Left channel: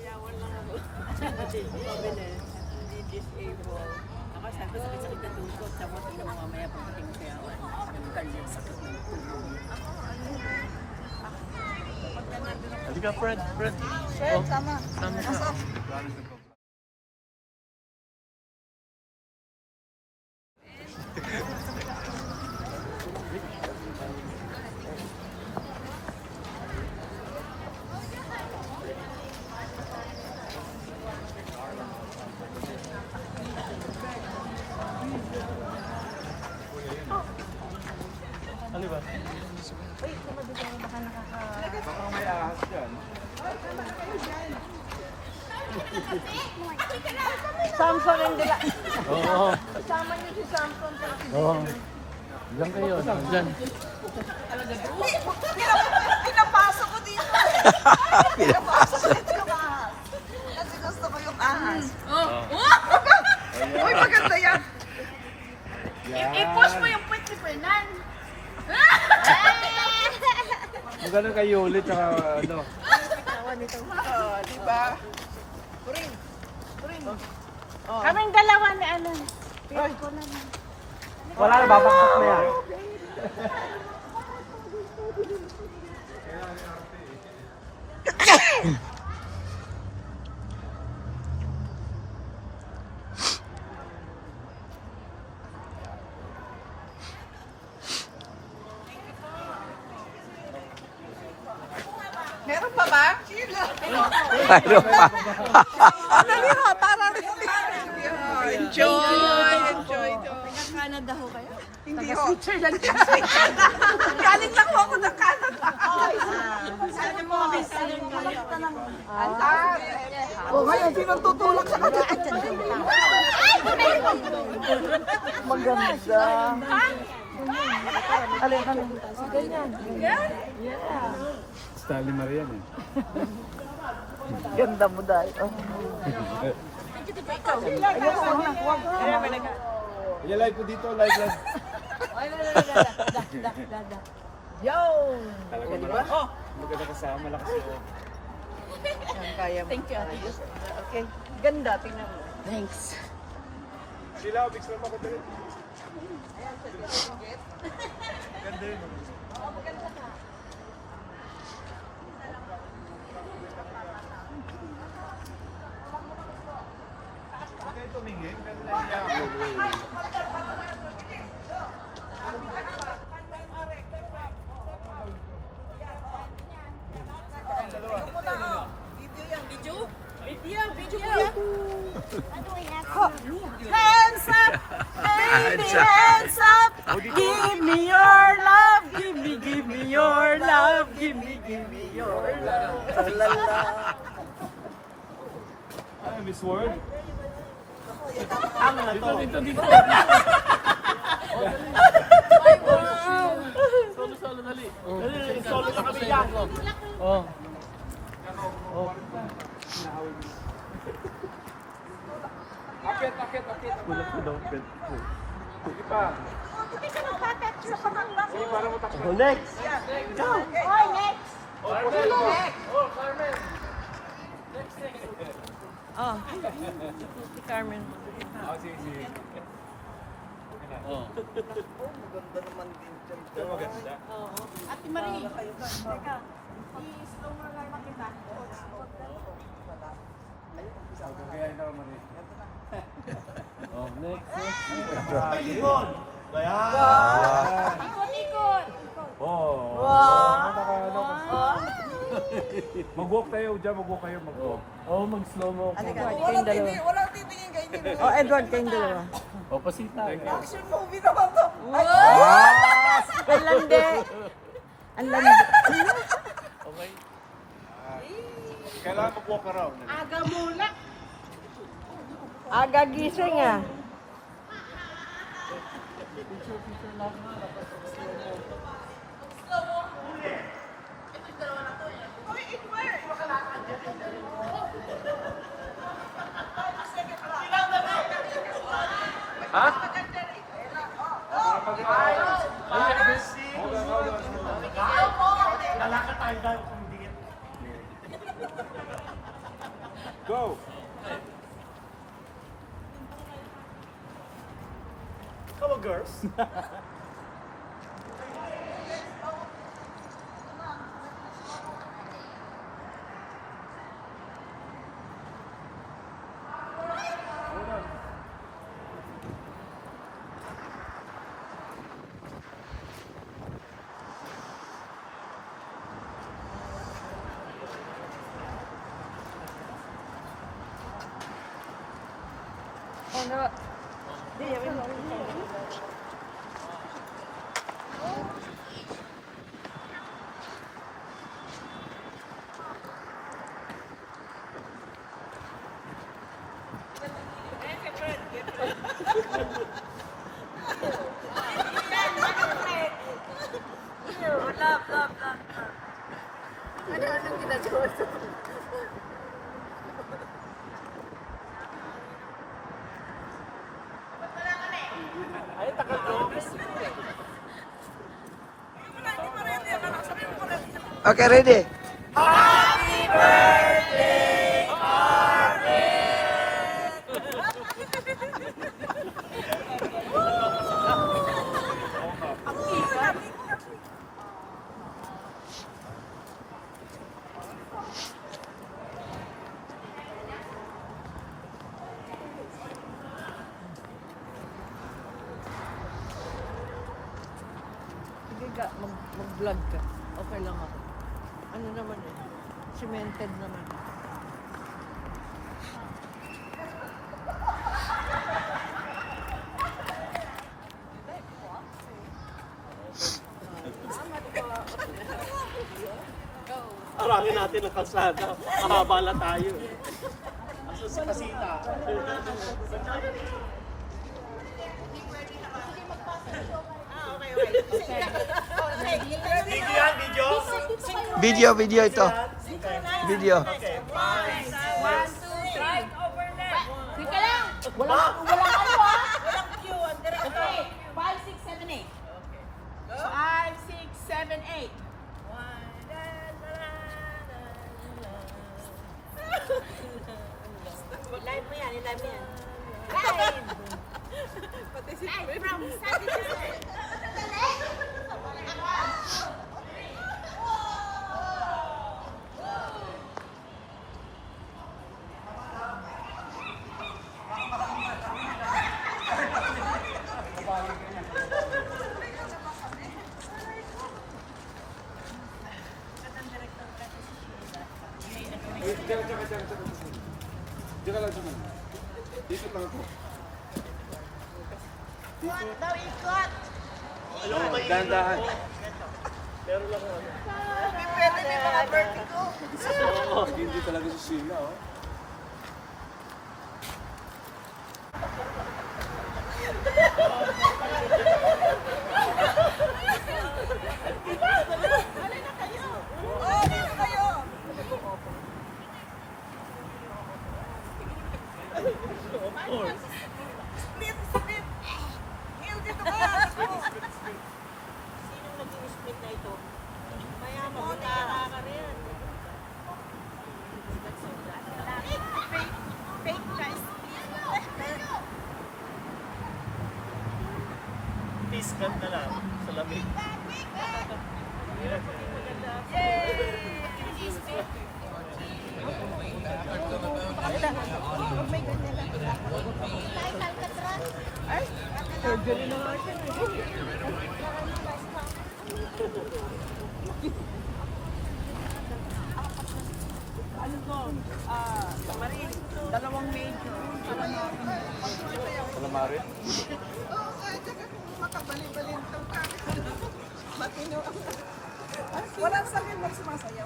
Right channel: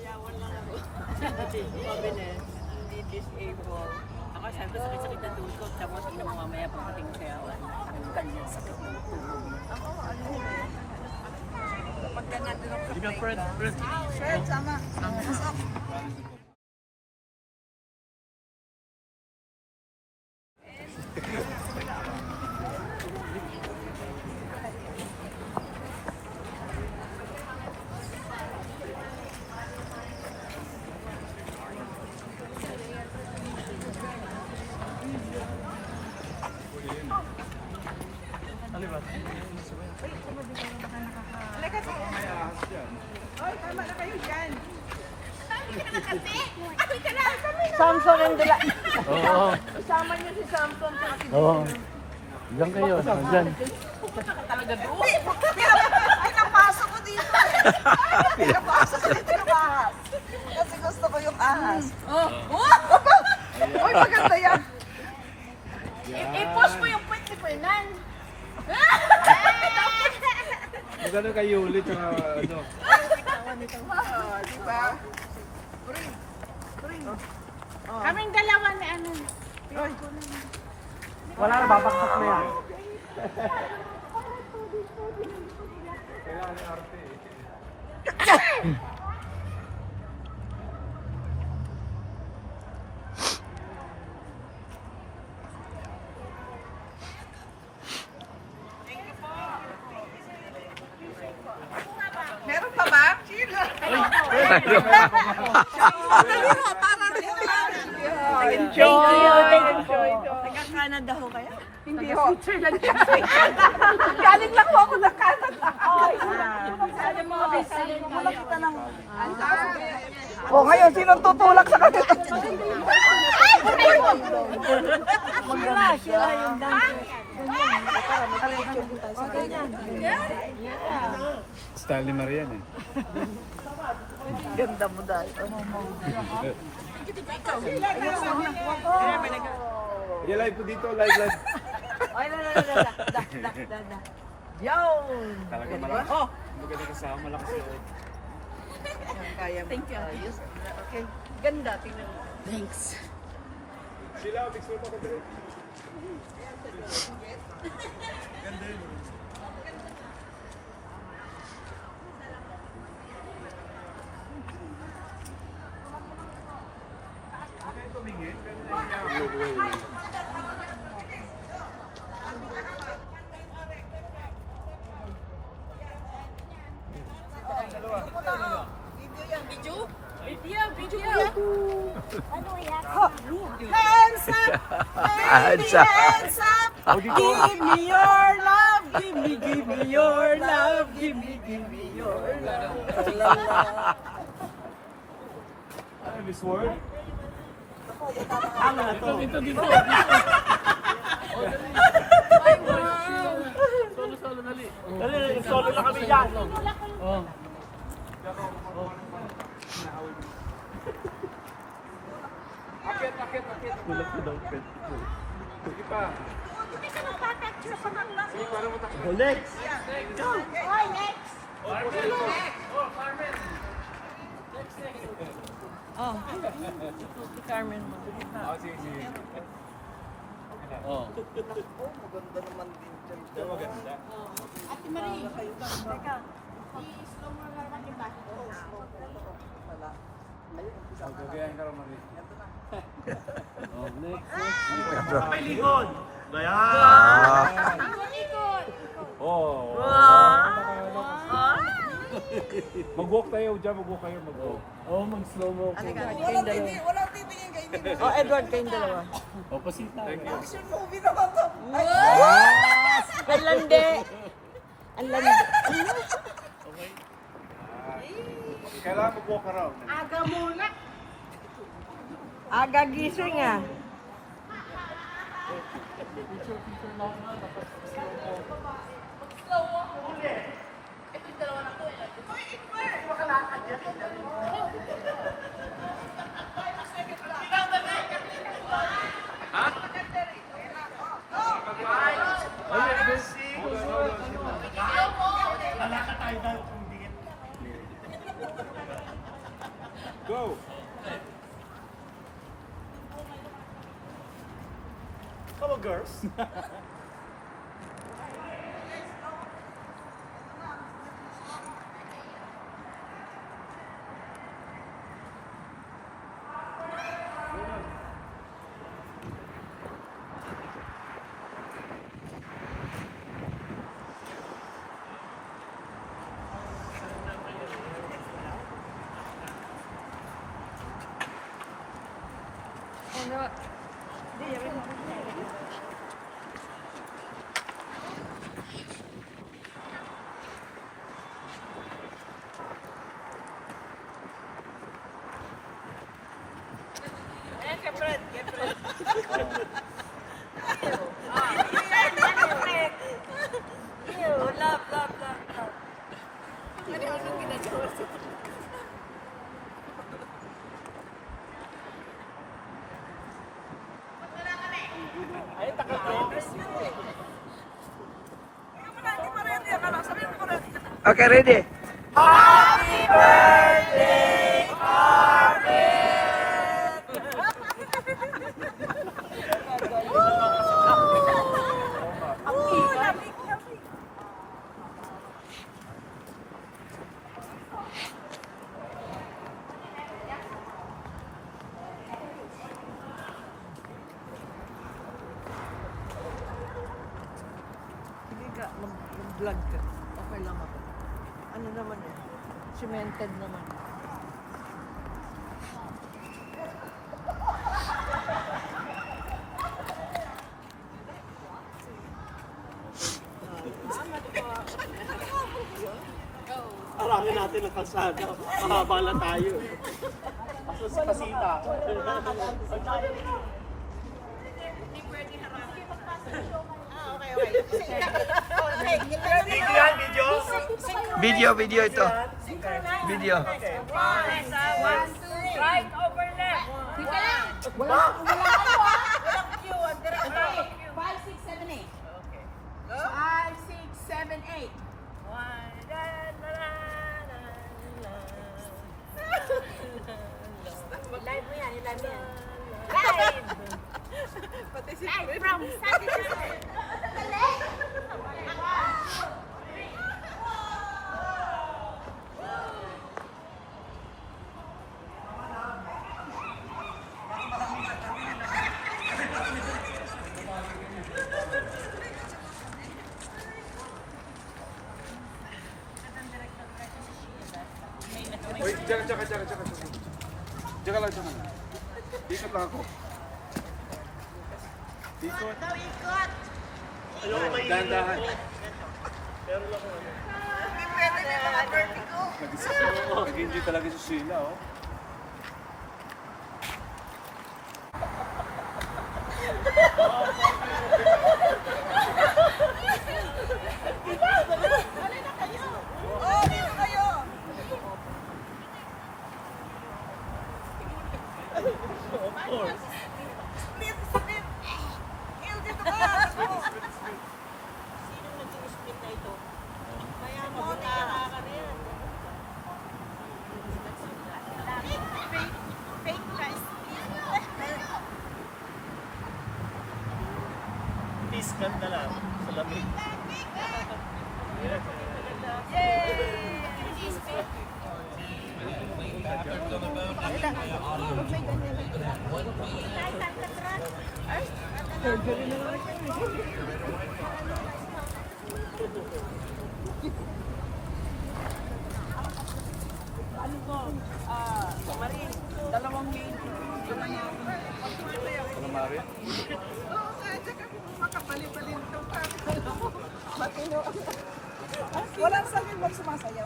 Sayawan lang ako. Pabili. Hindi disable. Ako sabi ko sakit-sakit na tuhod ko. Tapos tingnan mo mamaya pagdating ng sayawan. Tanggal yung sakit ng tuhod. Ako, ano yun? Pagka nandun ako sa playground. Sure, sama. Masok. Ano ba? Uy, kumadugo na baka nakaka... Samson ang dala. Oo. Oo. Diyan kayo. Diyan. Uy, ay, napasok ko dito. Napasok ko dito ng ahas. Kasi gusto ko yung ahas. Uy, maganda yan. I-post mo yung puwet ni Fernan. Magkano kayo ulit sa ano? Kawan nito. Oo, di ba? Puring. Puring. Kaming dalawa na ano. Wala na, babaksak na yan. Meron pa ba? Sino? Thank you. Thank you. Taga-Canada ho kayo? Hindi ho. Galing lang ho ako ng Canada. Sabi mo, malakita ng... Oh, ngayon, sinong tutulak sa kanila? Maganda. Stanley Marian eh. Ganda mo dahil. Sige, live po dito, live. Yo! Talaga malakas. Maganda kasama, malakas loob. Kaya mo. Thank you. Okay. Ganda, tingnan mo. Thanks. Sila, picture mo ko dito. Hands up! Baby, hands up! Give me your love! Give me your love! Give me your love! Ah, Miss World? Dali, solo na kami dyan. Oh. Akit. Tulak ko daw. Sige pa. Oh, next. Go. Carmen. Next. Oh, si Carmen mo. Sige. Oh. Maganda naman din dyan. Maganda. Ate Marie. Teka. I-slow mo lang na kita. Oh, next. May likod. Ayan. Oh. Mag-walk tayo dyan, mag-walk kayo. Oh, mag-slow mo. Walang titingin kayo. Oh, Edward, kayong dalawa. Oh, pasita. Thank you. Action movie naman to. Okay. Kailangan mag-walk around. Aga muna. Aga gising ah. Lalakad tayo daw kung dikit. Go! Come on, girls. Anong ginagawa sa Okay, ready? Hindi ka, mag-vlog ka. Okay lang ako. Ano naman eh, cemented naman. Arangin natin ang kalsada. Mahaba na tayo. Video yan, video. Video ito. Video. right over left? Sige lang. Wala. Walang ano ah. Walang cue, ang diretso. Okay. 5, 6, 7, 8. Okay. 5, 6, 7, 8. One, la, la, la, la, la. Live mo yan, live mo yan. Live! Live from Saturday. Wait, tsaka. Tsaka lang, tsaka. Ikot lang ako. Ikot. Ayoko mainit. Dahan-dahan. Pwede may mga vertigo. Hindi talaga si Sheila, oh. Sinong nag-split na ito? Mayaman mo, nakaka rin. Fake guys. Piskan na lang sa lamig. Ano to? Marin, 2 major. Calamari? Makabali-balin to ka. Walang sabi mo sumasaya.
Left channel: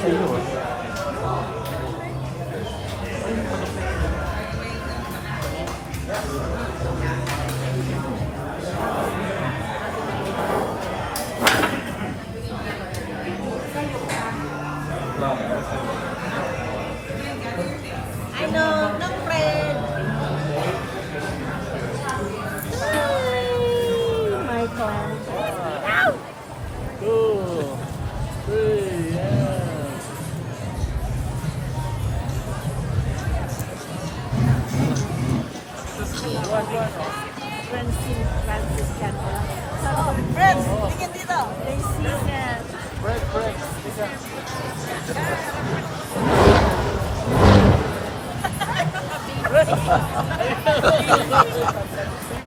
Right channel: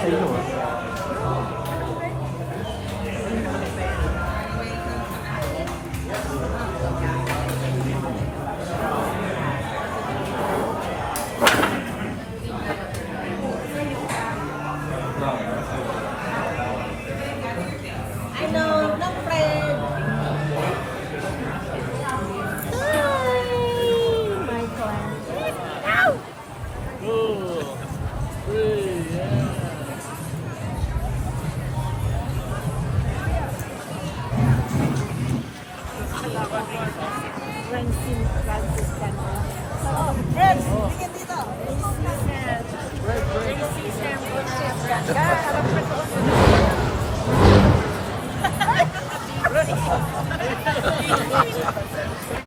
Sa iyo, Franciscan. Oh, friends, tingin dito. Racism. Racism.